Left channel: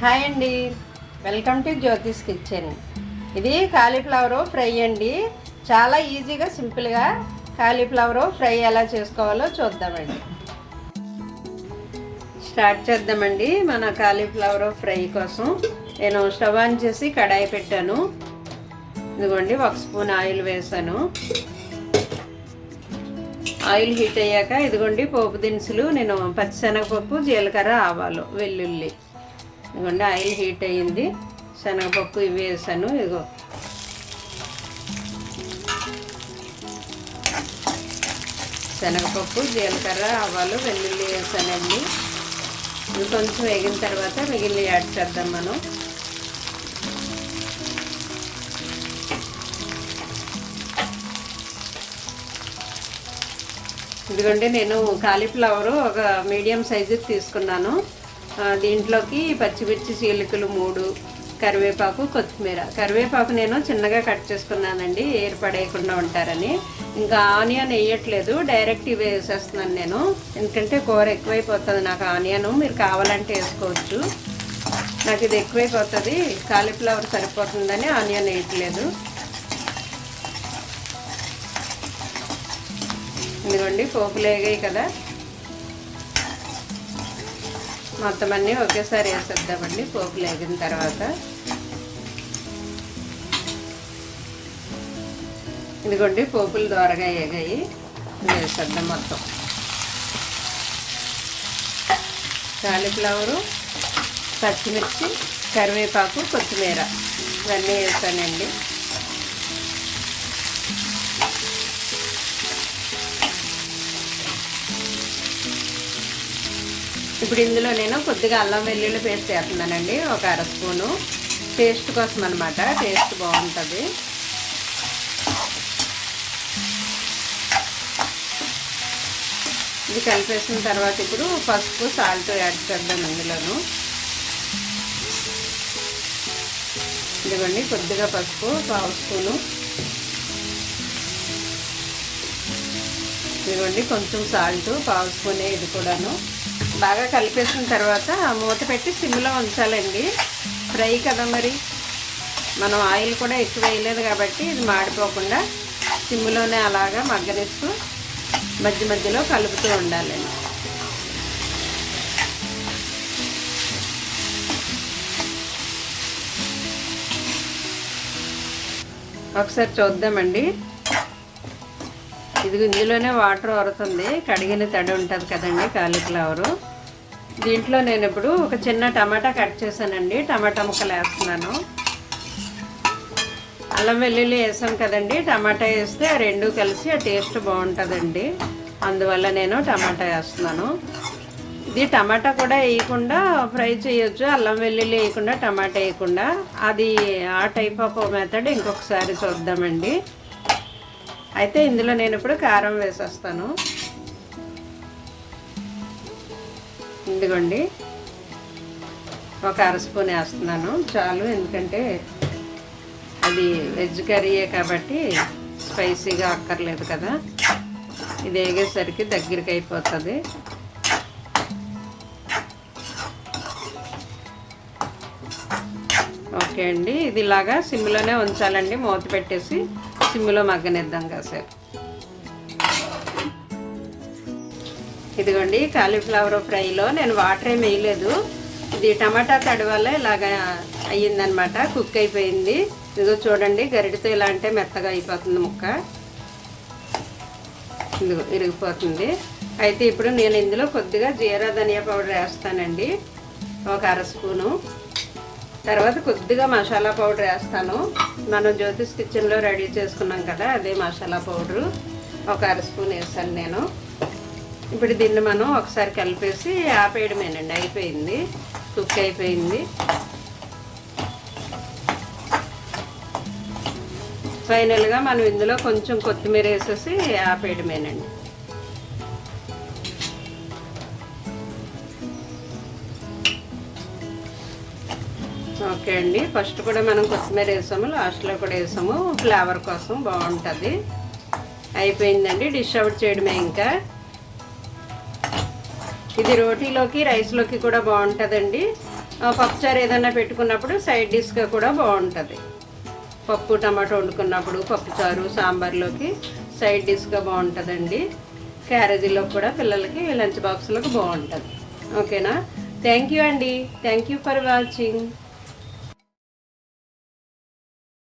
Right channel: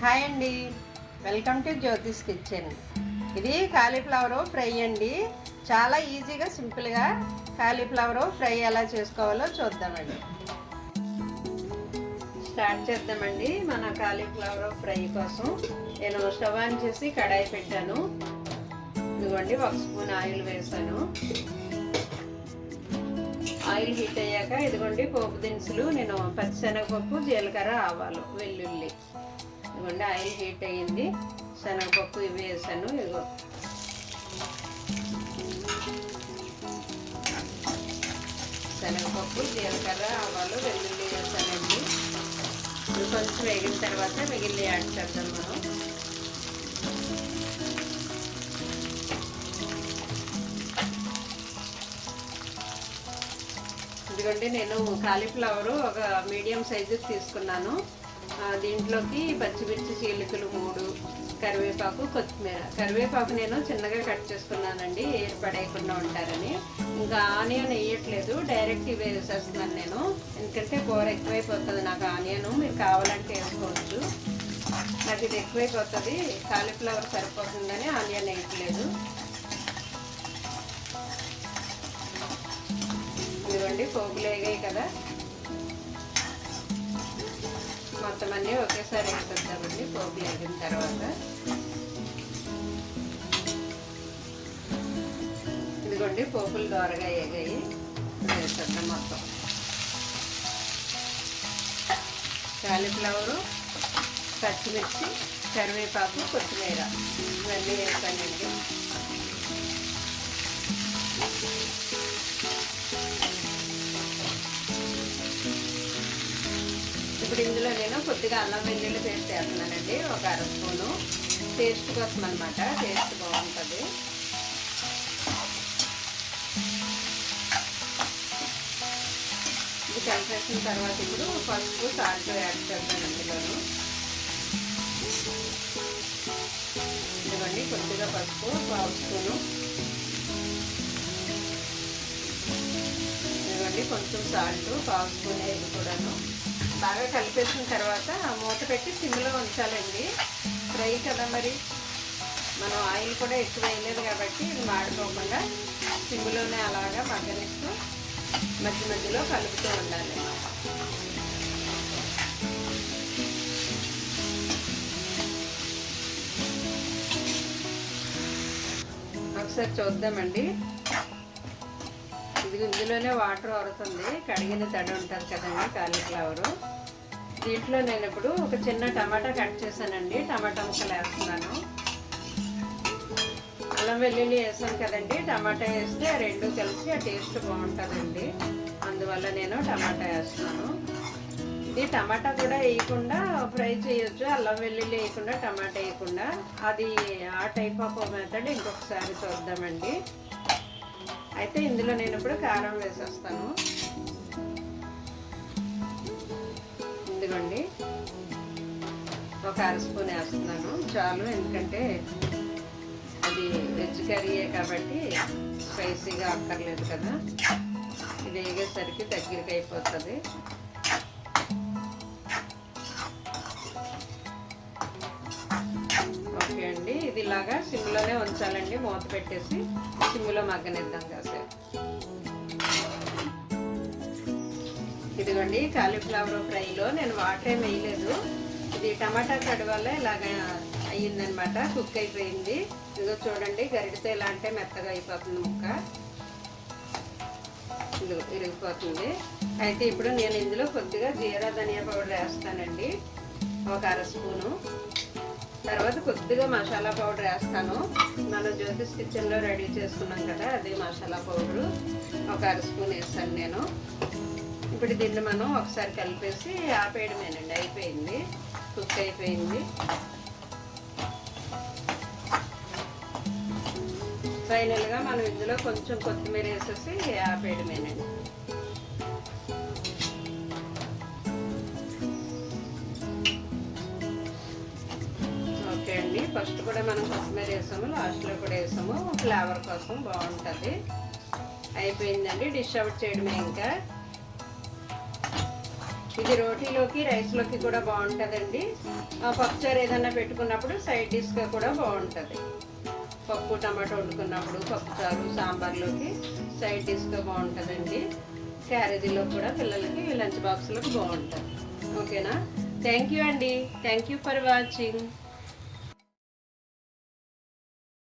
Hi అండి. Welcome to Jyothish Kitchen. ఇది cauliflower fry అండి. చాలా ఈజీగా సింపుల్గా కాలీఫ్లవర్ ఫ్రై ఎలా చేసుకోవాలో చూద్దామండి. స్టార్ట్ చేద్దామండి మన కాలీఫ్లవర్ ఫ్రై కోసం. నేను స్టవ్ ఆన్ చేసి కడాయి పెట్టాను. ఇదిగోండి ఒక స్పూన్ ఆయిల్ వేసాను. ఆయిల్ హీట్ అయ్యాక ఇదిగోండి పోపు దినుసులు నేను పచ్చిశనగపప్పు జీలకర్ర ఆవాలు వెల్లుల్లి. ఇదిగోండి ఆయిల్ హీట్ అయ్యింది. శనగపప్పు ఇవి వేసాను ఇదిగో. శనగపప్పు జీలకర్ర ఆవాలు వెల్లుల్లి వేసానండి. ఇది కొంచెం వేగిన తర్వాత మిగిలిన యాడ్ చేద్దాం మనం. ఇదిగోండి నేను కాలీఫ్లవర్ ఒక మీడియం సైజుకి తీసుకున్నాను. దీంట్లోకి పచ్చిమిర్చి చీలికలు మూడు కరివేపాకు కొత్తిమీర. కరివేపాకు నేను చిన్నగా కట్ చేసుకున్నానండి ఏర్పడేయకుండా ఉంటారని. ఇంకా ఆనియన్ వేయట్లేదు డైరెక్ట్ ఇవి వేసేస్తున్నాను నేను. ఎందుకంటే కూర ఎక్కువైపోతుంది నాకు ఆనియన్ మీరు కావాలంటే వేసుకోవచ్చు. నాకు ఇది ఎక్కువైపోతుంది కాలీఫ్లవర్ సరిపోతుందని ఆనియన్ వేయట్లేదు. ఇదిగోండి పోపులు వేగాయి కదా. మొత్తం అన్నీ ఒకేసారి వేసేద్దామండి. పోపులు వేగిన తర్వాత. ఇదిగోండి పోపులు దోరగా వేగాయి వేసేద్దాం మొత్తం. కాలీఫ్లవరు పచ్చిమిర్చి కరివేపాకు కొత్తిమీర. ఇవన్నీ వేస్తానండి ఇప్పుడు ఇందులో నేను కొద్దిగా అల్లం వెల్లుల్లి పేస్ట్ వేస్తున్నానండి ఒక అర స్పూను. టేస్ట్ కోసం అనమాట టేస్ట్ బాగుంటుంది. ఇది కలిపేసిన తర్వాత ఇప్పుడు పసుపు సాల్ట్ యాడ్ చేద్దాం అందులోను ఇదిగోండి కొద్దిగా పసుపు పావు స్పూను. ఇదిగోండి కొంచెం సాల్ట్ పావు స్పూనే ఇది కూడాను. బాగా కలిపేసిన తర్వాత మూత పెట్టి సిమ్లో ఉంచాలండి. ఫ్రై కదా మరి. మనం ఆయిల్ కూడా ఎక్కువ వేయలేదు కాబట్టి ఇది మాడిపోకుండా సిమ్లోనే అలాగా మగ్గనిస్తూ మధ్య మధ్యలో కలుపుతూ ఉండాలి. ఒకసారి చూద్దామండి. ఇది ఇందులోనే వాటర్ వరుతుంది. కడిగిన తడి ఉంటుంది కదండి కాలీఫ్లవరు. దీంట్లో నేను ఇప్పుడు ఒక చిన్న టమాటా కట్ చేశానండి. టమాటా ముక్కలు వేస్తున్నాను. అల్లం వెల్లుల్లి వేసాం కదండి. టమాటా వేస్తే ఆ రెండు కలిసి ఆ టేస్ట్ బాగుంటుందండి. అందువల్ల నేను టమాటా వేస్తున్నాను. ఇది టమాటా కూడా వేయకుండా ఫ్రై చేయొచ్చు. అల్లం వెల్లుల్లి వేయకుండా టమాటా వేయకుండా. అది ఆ టైప్ ఆఫ్ మెథడ్ ఇంకొకసారి చూద్దామండి. అయితే ఇందులో నేను ఇప్పుడు కారం వేసేస్తాను. ఇదిగోండి. ఒక అర స్పూన్ వేస్తున్నాను. చాలు ఎందుకంటే అది వెజ్ కర్రీయే కాబట్టి స్పైసీగా అక్కర్లేదు కదా. ఇది వేగేసరికి దగ్గరికి అయిపోతుంది. ఓకే అండి. ఇది ఇలాగా సిమ్లోనే ఉంచాలండి. మూత పెట్టేసి సిమ్లో మగ్గనిద్దాం కాసేపు. ఇదిగోండి కాలీఫ్లవర్ ఫ్రైలో నేను వాటర్ ఏమి వేయలేదు ఇది టమాటా తడి వల్ల ఇలాగ అయ్యిందనమాట కుక్ అయిపోయింది. ఇదిగో చూడండి గరిటితో ఇలా అంటే మెత్తగా అయిపోతుంది ముక్క. ఇదిగో ఇరిగిపోతుంది. అయితే ఇప్పుడు నేను ఇందులో కొద్దిగా జీరా ధనియా పౌడర్ వేస్తానండి. ఒక అర స్పూను. తర్వాత కొద్దిగా మసాలా పౌడర్ వేస్తాను. మనం జ్యోతిష్ కిచెన్లో రెడీ చేసుకున్నాం కదా అదే మసాలా పౌడరు. ఒక అర స్పూన్ వేస్తాను నేను. ఇప్పుడు దీన్ని మనం ఒకసారి కలిపేసి ఆపేయడమేనండి అయిపోయింది. కుక్ అయిపోయింది. ఫైనల్గా మనం ఇందులో కొంచెం కొత్తిమీర వేసేసి ఆపేయడమేనండి. ఓకే అండి. ఫస్ట్ కూడా మనం కొత్తిమీర వేసాము లాస్ట్లో కూడా వేసాము. ఫ్లేవర్ కోసం బాగుంటుంది. అయిపోయిందండి డిష్ అవుట్ చేయడమే ఇంకా. ఇది రోటీలోకి రైస్లోకి కూడా బాగుంటుందండి. పప్పుచారు ఏదైనా పెట్టుకున్నప్పుడు సైడ్ డిష్గా కూడా బాగుంటుంది. పప్పు టమాటో వండుకున్నప్పుడు పప్పుచారు సాంబార్లోకి సైడ్ డిష్గా బాగుంటుందండి. క్యారేజీలో కూడా పిల్లలకి లంచ్ బాక్స్లోకి బాగుంటుంది. ఓకేనా? థ్యాంక్ యూ అండి. Thank you for watching.